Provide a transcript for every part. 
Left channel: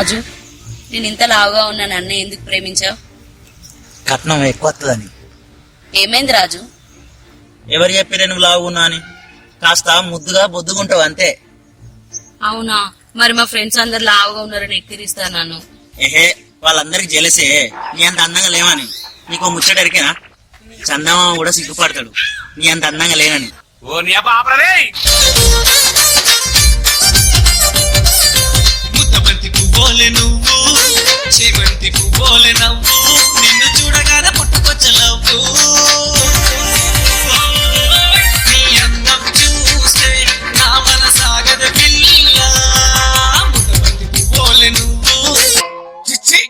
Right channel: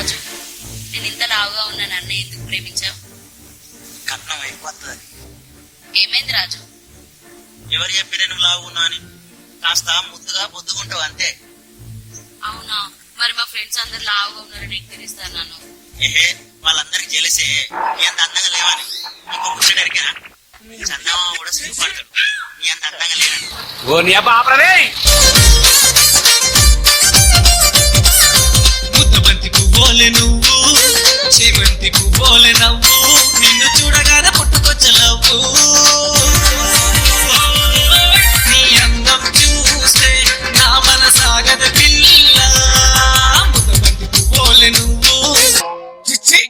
రాజు, నేను ఇంత లావుగా ఉన్న నన్ను ఎందుకు ప్రేమించావు? కట్నం ఎక్కువ వస్తుందని. ఏమైంది రాజు? ఎవరు చెప్పారు నువ్వు లావున్నా అని? కాస్త ముద్దుగా బొద్దుగుంటావు అంతే. అవునా? మరి మా ఫ్రెండ్స్ అందరు లావుగా ఉన్నారని ఎక్కిరిస్తాను నన్ను. ఏహే, వాళ్ళందరికి జలసే నీ అంత అందంగా లేవని. నీకు ముచ్చటరికేనా? చందమామ కూడా సిగ్గుపడతాడు నీ అంత అందంగా లేనని. ముద్దబంతి పువ్వోలే నువ్వు, చేమంతి పువ్వోలే నవ్వు, నిన్ను చూడగానే పుట్టుకొచ్చలవ్వు. నీ అందం చూస్తే నా మనసాగద పిల్ల, ముద్దబంతి పువ్వోలే నువ్వు. చిచ్చి,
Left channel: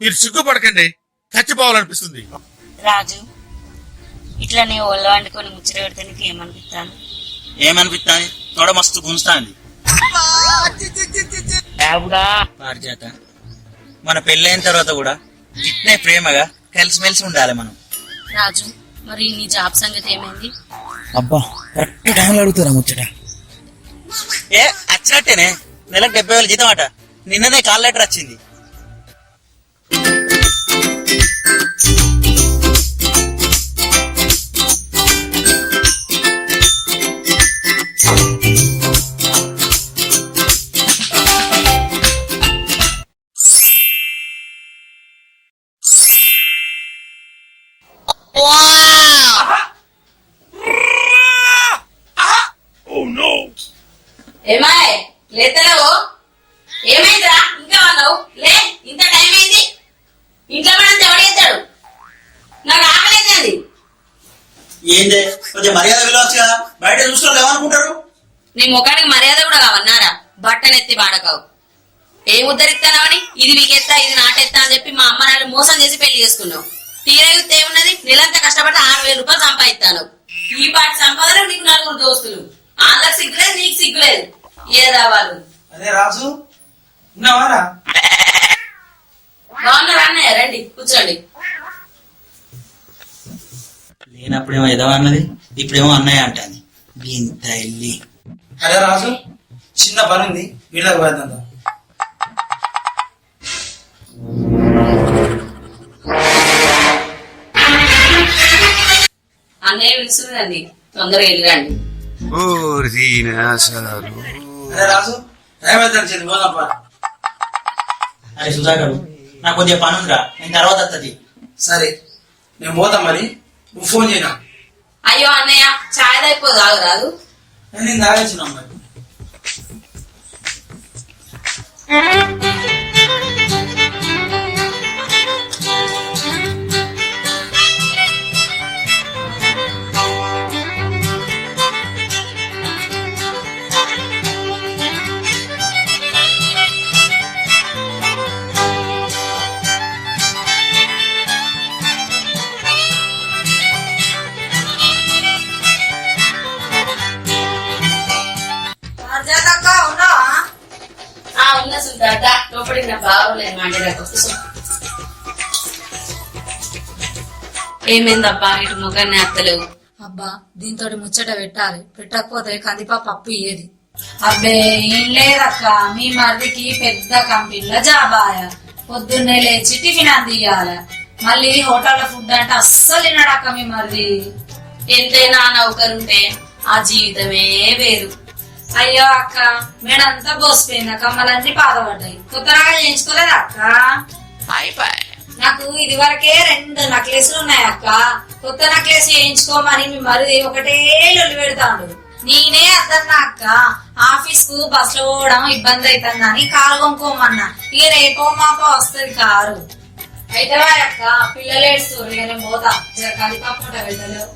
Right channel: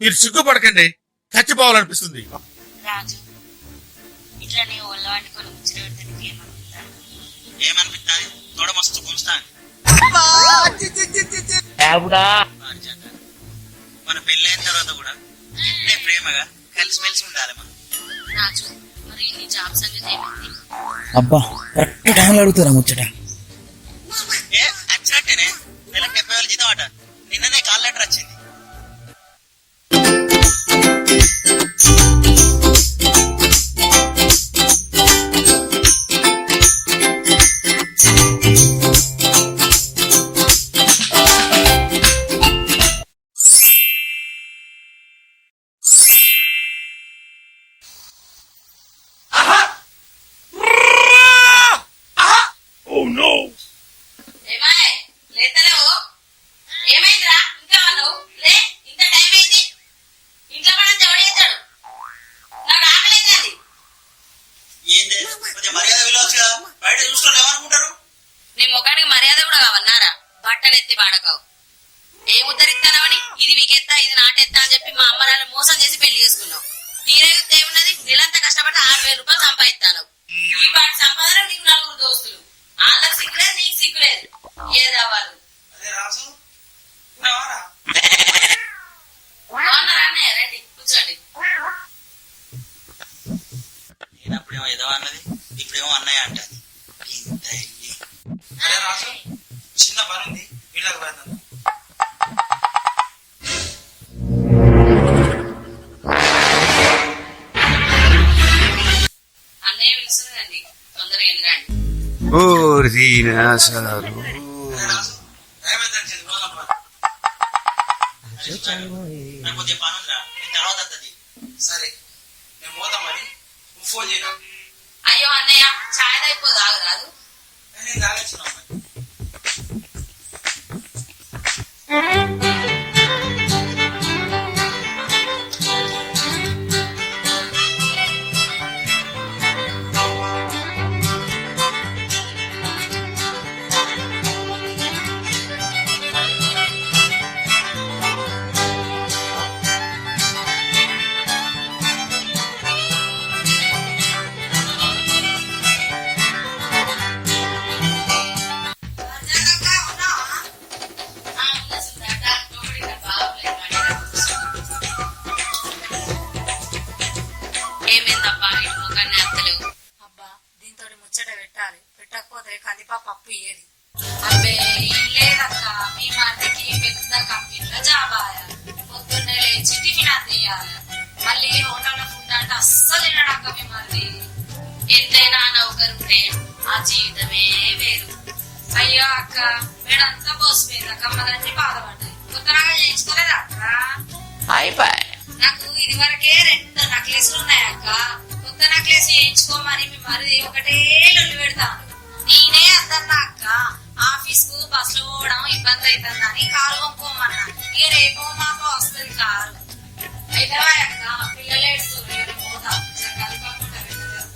మీరు సిగ్గుపడకండి, చచ్చిపోవాలనిపిస్తుంది. రాజు, ఇట్లా నీ ఒళ్ళు వండుకొని ముచ్చట పెడితే నీకు ఏమనిపిస్తాను? ఏమనిపిస్తాని? తోడ మస్తు గుంజుతాంది. పారిజాత, మన పెళ్ళైన తర్వాత కూడా ఇట్నే ప్రేమగా కలిసిమెలిసి ఉండాలి మనం. రాజు, మరి నీ జాబ్ సంగతి ఏమైంది? అబ్బా, కరెక్ట్ టైంలో అడుగుతారా ముచ్చట. ఏ వచ్చినట్టేనే, నెలకు 70,000 జీతం అట. నిన్ననే కాల్ లెటర్ వచ్చింది. ఏమాయ్ లేతలేవు? ఏమైందిరా ఇంకా అన్నావు? లే, ఇంత టైం అయింది. ఇంట్లో పడంతా ఎవడేస్తాడు? నాకు ఆకలేదండి. ఏందే, కొంచెం మర్యాద విలువచ్చుగా. బయట చూసుకోవాలి ఏమనుకుంటారు? నీ ముఖానికి మర్యాద కూడా కావన్నారా? బట్టలు ఎత్తి బాడకావు. ఏం ఉద్ధరిస్తానవని ఇది వీకెత్తా ఇది నాటెత్తా అని చెప్పి మా అమ్మ నాన్న మోసం చేసి పెళ్లి చేసుకున్నావు. తీరా యుద్ధ ఏమున్నది? నెలంతా కష్టపడి 6,000 రూపాయలు సంపాదిస్తాను. ఈ పాటి సంపాదన నీకు 4 దోస్తులు. వాళ్ళకి సిగ్గులేదు, నీకు సిగ్గులేదు. ఏదా వాళ్ళు? అదే రాజు, ఉన్నావారా? బాగున్నారా అన్నయ్య? రండి కూర్చోండి. లేనప్పుడేమో ఎదవ అన్నది, ఇప్పుడేమో అన్నయ్య అంటాను. ఇంత వెళ్ళి అరే రాజు, చిన్న పని ఉంది, వీళ్ళకి పోయేద్దాం. అన్నయ్య పిలుస్తుందండి, తొందరగా వెళ్ళిరండి. అరే రాజు, టైం అవుతుంది, పోదాం. అరే సుధాకర్, నాకు కొంచెం పని ఉందిరా, నేను తర్వాత వస్తుంది. సరే, మేము పోతాం. మరి నువ్వు ఫోన్ చేయనా? అయ్యో అన్నయ్య, చాయ్ అయిపో తాగు రాదు. నేను తాగేసినా మరి. ఉన్న సుల్తాట లోపలికి నా బాగోలేదు మాట్లాడకు. ఏమైందబ్బా ఇటు ముఖాన్ని అత్తలేవు? అబ్బా, దీంతో ముచ్చట పెట్టాలి, పెట్టకపోతే కందిపా పప్పు ఇయ్యేది. అబ్బే ఏం లేదక్క, మీ మరిదికి పెద్ద కంపెనీలో జాబాయ. పొద్దున్నే లేచి టిఫిన్ అందియాల, మళ్ళీ హోటల్లో ఫుడ్ అంటే అస్సలు తినడక్క మీ మరిది. ఎంతైనా నౌకరుంటే ఆ జీవితమే వేరు. అయ్యో అక్క, మేడంతా బోసిపోయింది, కమ్మలన్నీ పాదపడ్డాయి. కొత్తగా చేయించుకోలేదా అక్క? నాకు ఇది వరకే 2 నెక్లెస్లు ఉన్నాయి అక్క. కొత్త నెక్లెస్ చేయించుకోమని మీ మరిది ఒకటే లొల్లి పెడతాడు. నేనే అద్దన్నా అక్క, ఆఫీస్ కు బస్ లో పోవడం ఇబ్బంది అవుతుందని కారు కొనుక్కోమన్నా. ఇక రేపో మాపో వస్తుంది కారు. అయితే అక్క, పిల్లలు ఏడుస్తారు, ఇక నేను పోతా. కలిపి వెళ్తలేవు.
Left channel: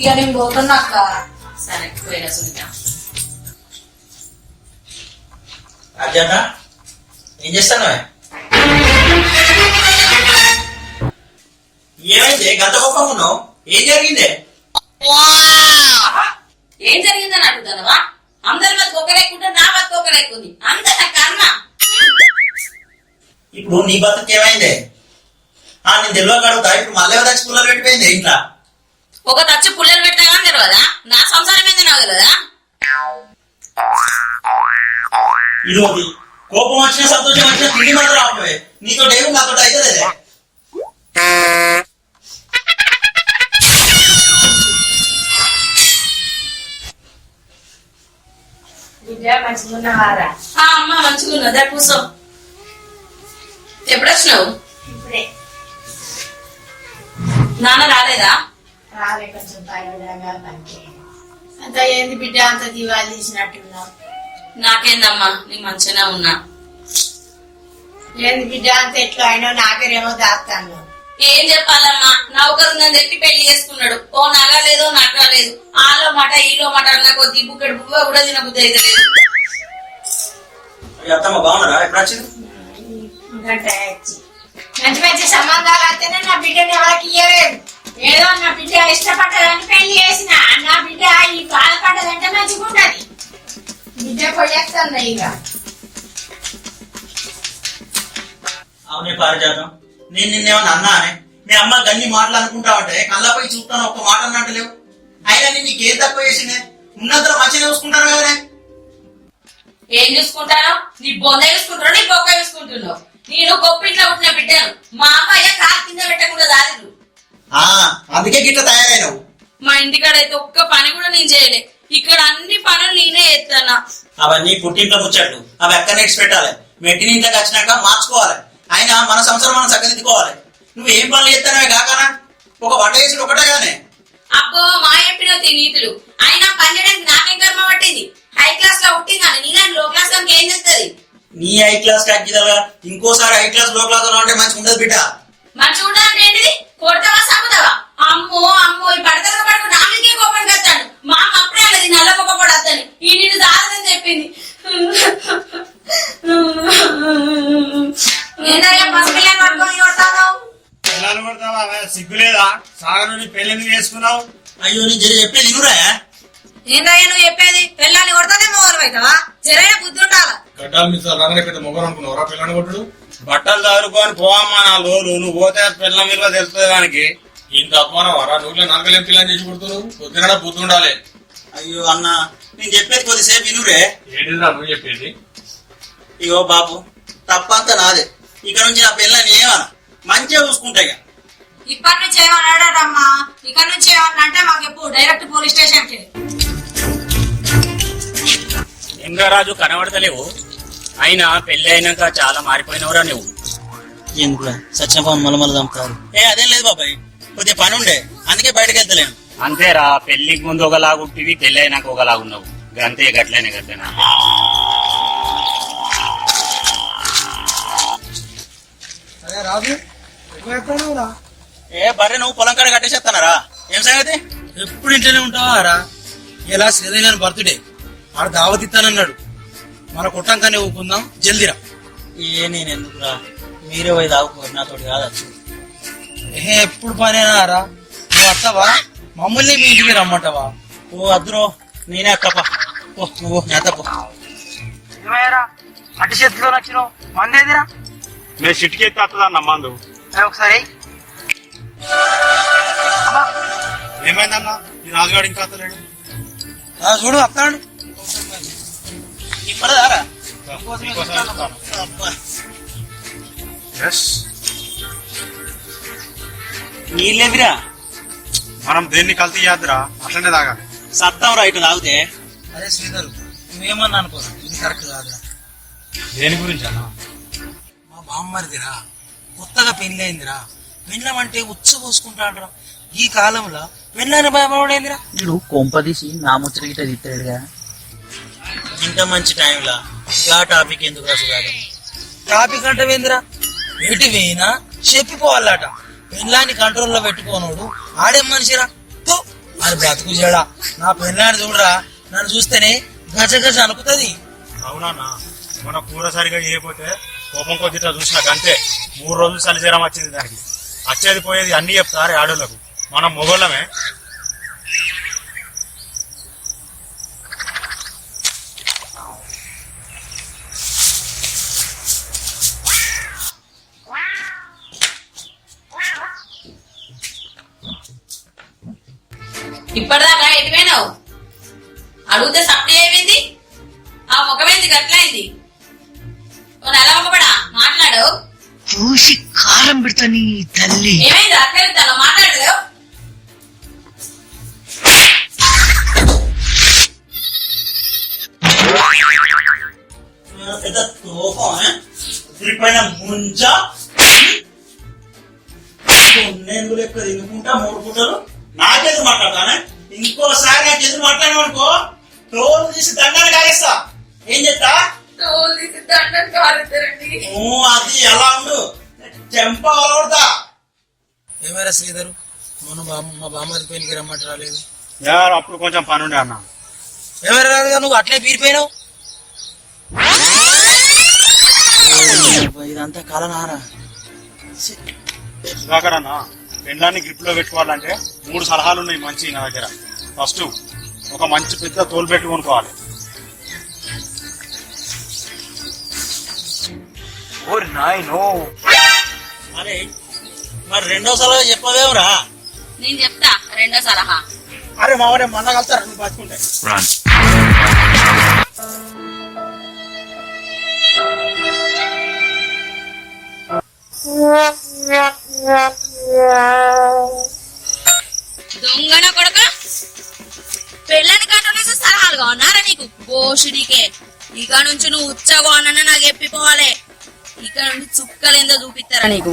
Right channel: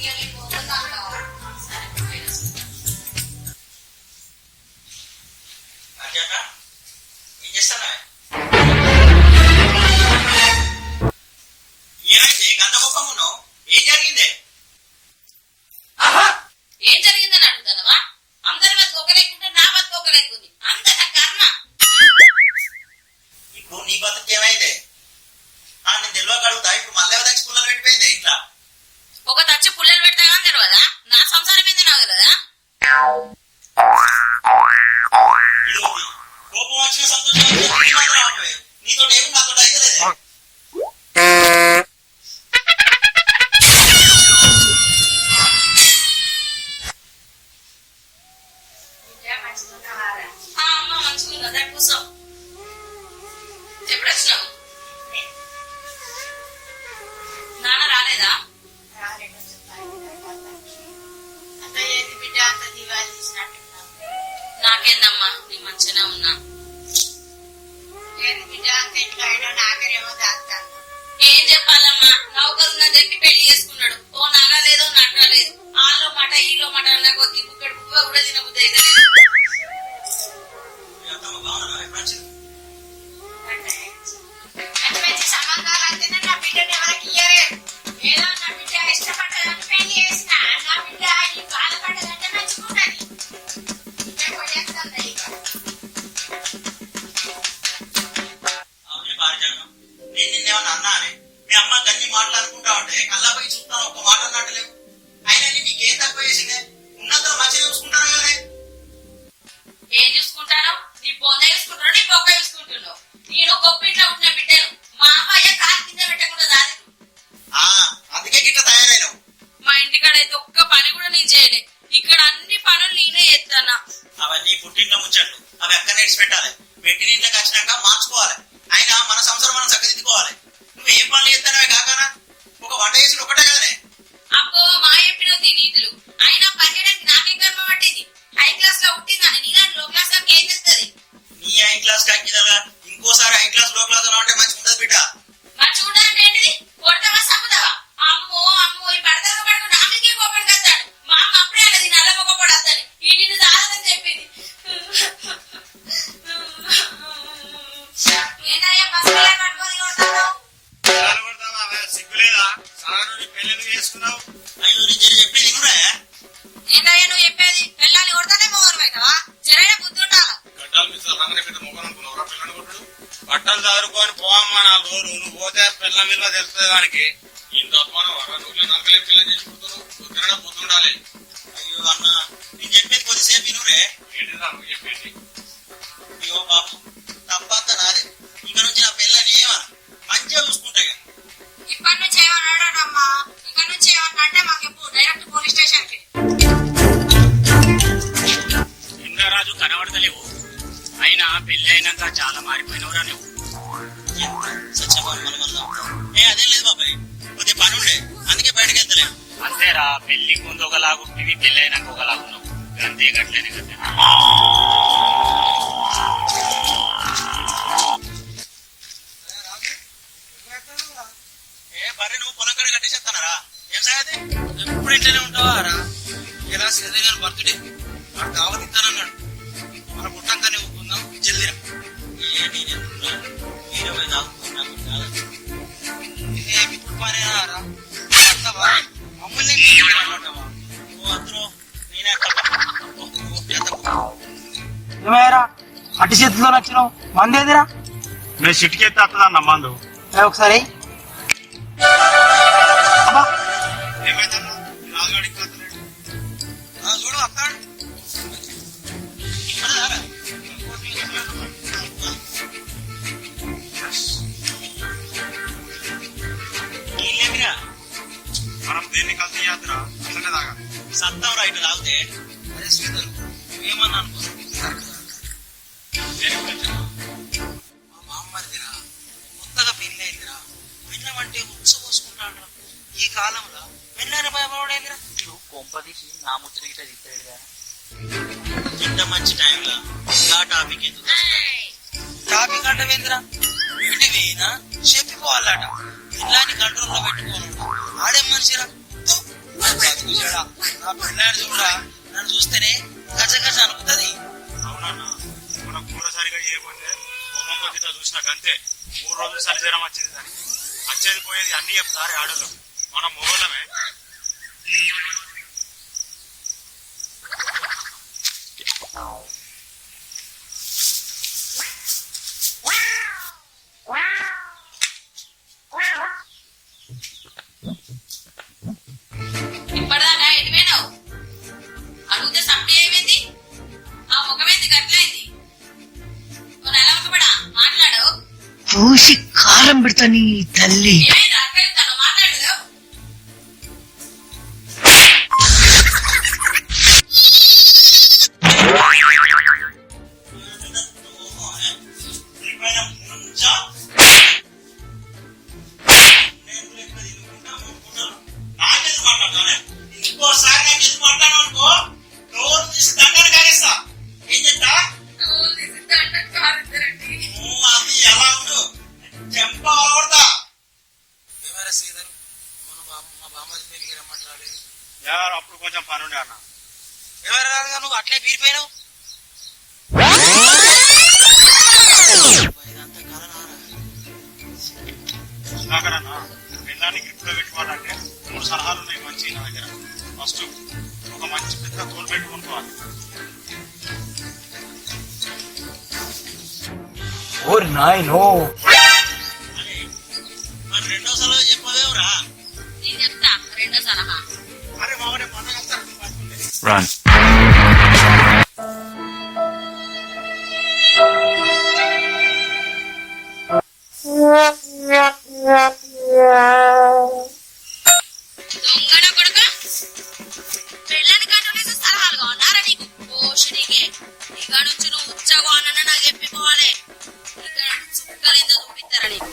ఇక నేను పోతున్నా అక్క. సరే పోయినా సునీత. అర్జాత, ఏం చేస్తాను? ఏమైంది గంత కోపం ఉన్నావు? ఏం జరిగిందే? ఏం జరిగిందని అడుగుతానవా? అందరి బతుకు ఒక లెక్కుంటే నా బతుకు ఒక లెక్కుంది. అంత నా కర్మ. ఇప్పుడు నీ బతుకు ఏమైందే? నేను తెలియక అడుగుతా. ఇప్పుడు మళ్ళీ వచ్చి పుల్లలు పెట్టిపోయింది ఇంట్లో. ఒక తచ్చి పుల్లలు పెడతా కానీ తెలియదా? నా సంసారం ఏంది నాకు తెలియదా? ఇదోటి కోపం వచ్చిన సంతోషం వచ్చిన తిండి మాత్రం ఆపవే. నీతో ఏమి నాతో అయితే లేదే. మంచిగున్నవారా? అమ్మ మంచిగా ఉన్నదా? కూర్చో. ఎప్పుడు వచ్చినావు? ఇప్పుడే నాన్న రాలేదా? రాలే, కొంచెం పైకి అంత ఏంది బిడ్డ అంత దివాళి తీసినట్టున్నావు? నాకేందమ్మా, నీ మంచిగానే ఉన్నా. ఏంది బిడ్డ అంత ఎట్లా అయినా నాకేమో దాస్తాను. ఏం చెప్పాలమ్మా, నౌకరుందని చెప్పి పెళ్లి చేసుకున్నాడు. ఓ నగా లేదో నట్రా లేదు. ఆలో మాట ఈలో మాట అన్న కొద్ది బుక్కడు బువ్వ కూడా తినబుద్ధి అయితే లేదు. అత్తమ్మ బాగున్నారా? ఎప్పుడు వచ్చింది? మంచి మంచి సంబంధాలు అయితేనే నా బిడ్డని ఎవరికి ఇయ్యలేదు. ఏదో నా బిడ్డ ఇష్టపడ్డదని పెళ్లి చేసిన, నా బిడ్డ ఈ బాధపడ్డదంటే మంచిగా ఉంటది. బిడ్డ పోయేస్తాను ఇక. అవునే పారిజాతం, నేను నిన్నేమన్నా అన్నానే? మీ అమ్మ గన్ని మాటలు అనుకుంటా ఉంటే కళ్ళపై చూస్తాను ఒక్క మాట అన్నట్టులేవు. అయినా నీకేం తక్కువ చేసిందే? ఉన్నంతలో మంచిగా చూసుకుంటాను కదనే. ఏం చూసుకుంటాను? నీ బొంద చూసుకుంటావు, నీ బొక్క చూసుకుంటున్నావు. నేను గొప్పింట్లో పుట్టిన బిడ్డను. మా అమ్మాయి కాలు కింద పెట్టకుండా దాదిరు. అందుకే గిట్ల తయారైనవు. మా ఇంటికాడ అయితే ఒక్క పని కూడా నేను చేయలే. ఇక్కడ అన్ని పనులు నేనే ఎత్తానా. అవన్నీ పుట్టింట్లో ముచ్చట్లు. అవి ఎక్కడ నెట్స్ పెట్టాలి. మెట్టిన ఇంట్లోకి వచ్చినాక మార్చుకోవాలి. అయినా మన సంవత్సరం మనం చక్కదిద్దుకోవాలి. నువ్వు ఏం పనులు చేస్తానవే కాకనా? ఒక వంట చేసి ఒకటే గానే. అబ్బో మా చెప్పిన నీతులు. అయినా పన్నెండు నాకేం కర్మ పట్టింది. హై క్లాస్ లో పుట్టిందని నీలాంటి లో క్లాస్ లో ఏం చేస్తుంది? నీ హై క్లాస్ కాకిదలుగా ఇంకోసారి హై క్లాస్ లో క్లాస్ లో ఉంటే మంచిగా ఉండదు బిడ్డ. మంచిగా ఉండాలంటే ఏంటిది? కొడతావా సమ్ముతావా? అమ్మో అమ్మో ఈ పడతగా పడుకు నాకే కోపం కట్టాడు. మా అమ్మ అప్పుడే అన్నది నల్ల మొక్క పడద్దని. ఈ నిన్ను దాదని చెప్పింది. సిగ్గులేదా? సాగర్ పెళ్లి చేసుకున్నావు. అయ్యో నీ జరి చెప్పేది ఇనురా. ఏందయ్యా నువ్వు చెప్పేది? పెళ్ళాన్ని కొడతానే మొగలు అవుతావా? జరైన బుద్ధి ఉండాలా? గడ్డాలు మీద రంగనే పెద్ద మొగలు అనుకున్నావురా పిల్లని కొట్టుడు? బట్టలు చదువుకొని పోవమ్మా నా లోలు. నువ్వు పోతే పిల్ల మీద తెలుస్తుంది దానికి. ఇంత అపమానం వరా? నువ్వు నరకలేం పిల్లని చేసి కొడుతున్నావు. కొద్దిగా బుద్ధి ఉండాలి. అయ్యో అన్న, నేను చెప్పేది కొద్దిసేపు ఇనురే. ఏంటిదా నువ్వు చెప్పేది? అయ్యో బాబు, తప్పంతా నాదే. ఇక నుంచి నా పిల్లని ఏమన్నా మంచిగా చూసుకుంటాయి. ఇప్పటి నుంచి ఏమన్నాడమ్మా? ఇక్కడ నుంచి ఏమన్నా అంటే మాకు ఎప్పుడు డైరెక్ట్ పోలీస్ స్టేషన్ కి. లింగరాజు కనబడతలేవు. అయినా పెళ్లి అయినాక చాలా మారిపోయినవరా నువ్వు. ఎందుకు సత్యనపవన్ మలమల చంపుతారు? అదేం లేదు బాబాయ్, కొద్దిగా పని ఉండే అందుకే బయటకు వెళ్తలేను. అంతేరా, పెళ్లికి ముందు ఒకలాగుంటివి, పెళ్లి అయినాక ఒకలాగున్నావు. అంతే, గట్లేనే గట్లేనా. రాజు బర్రె నువ్వు పొలం కాడ కట్టేసేస్తానరా? ఏం సంగతి? ఎప్పుడు ఇంట్లోనే ఉంటావా రా? ఇలా శ్రీదేవి బర్త్డే ఆడ దావత్ ఇస్తానన్నాడు. మన కొట్టంకానే ఊపుకుందాం, జల్దిరా. నేను ఎందుకురా? మీరే పోయి తాగుకోరు, నాతోటి కాదు. ఎప్పుడు పనేనా రా? నువ్వు వస్తావా? మమ్మల్ని మీ ఇంటికి రమ్మంటావా? ఓ అద్దురో, నేనే అక్కప. ఓ నేతప్ప. ఏమయ్యారా అట్టి చేతిలో నచ్చినావు? మందేదిరా? నువ్వు చిటికెత్తి వస్తుందన్న మందు. ఒకసారి ఏమైందన్నా? రాజుగాడు ఇంకా వస్తలేడు. చూడు వస్తాడు. ఇప్పుడదారా నీళ్ళేదిరా? మనం దేన్ని కల్తీ చేద్దురా, అట్లనే తాగా. సద్దాం రైట్ తాగితే. అరే శ్రీధర్, నువ్వేమన్నా అనుకో, ఇది కరెక్ట్ కాదురా. దేని గురించి అన్నా? మా బామ్మరిదిరా, కొత్తగా పెళ్లి అయిందిరా. పెళ్ళమంటే ఉచ్చ పోసుకుంటాడురా. ఈ కాలంలో పెళ్ళని భయపడేందిరా. వీడు కొంపదీసి నా ముచ్చట గిట్ట తిట్టాడుగా. ఇంత మంచి టైంలా ఇలా టాపిక్ ఎందుకు రాసుగాడు? టాపిక్ అంటే ఏందిరా? ఎటు పోయినా చెప్పిపోవాలట. పెళ్ళాన్ని కంట్రోల్లో పెట్టుకోనోడు ఆడేం మనిషిరా? అది బతుకు చెడా. నా పెళ్ళాన్ని చూడరా, నన్ను చూస్తేనే గజగజ అనుకుతుంది. అవునా? మన కూర సరిగా చేయకపోతే కోపం కొద్ది చూసినాక అంతే 3 రోజులు చలిజరం వచ్చింది. దానికి వచ్చేది పోయేది అన్ని చెప్తారు ఆడోళ్ళకు. మనం మొగోళ్ళమే. ఇప్పటిదాకా ఎటుపోయినావు? అడిగితే సప్లై అయిపోయింది, ఆ ముఖమైంది గట్లయింది. నెల ఒకపడా మాట్లాడు. పూసి కారం పెడతా నీ తల్లి. ఏమైంది అట్లా చెప్తాను మాట్లాడదు. పెద్ద తోపం పైన ముంచ నేను లెక్క తినుకుంటా 3 పూటలు నాకెదురు మాట్లాడతానే. ఇంకోసారి నాకు ఎదురు మాట్లాడను అనుకో టోల్ తీసి దండాన్ని కారేస్తా. ఏం చెప్తా? అది ఎలా ఉండు చెంప అలవడతా. ఏమైనా శ్రీధరు మొన్న మా బామ్మది పెళ్లికి రమ్మంట రాలేదు. అప్పుడు కొంచెం పని ఉండే అన్న. ఎవరు రాదుగా నువ్వు అట్లే పీరిపోయినావు. ఇదంతా కలనారా? సుధాకర్ అన్న, పెండ్లాన్ని గ్రిప్ లో పెట్టుకోవాలంటే 3 సలహాలు ఉన్నాయి మంచి నా దగ్గర. ఫస్ట్ ఒక మంచి పెద్ద తోలు పెట్టి కొనుక్కోవాలి. అరే మరి 2వ సలహా చెప్పవేమరా? నేను చెప్తా 2వ సలహా. అరే మావాడే మొన్న కలుతారా నువ్వు బతుకుంటే. దొంగన కొడక పెళ్ళని కంట్రోల్ సలహాలుగా ఉన్నారా నీకు? గోషుడికే ఇక నుంచి నువ్వు ఉచ్చగా అన్న నాకు చెప్పిపోవాలి. ఇక నుండి చుక్కలేందో చూపిస్తారా నీకు?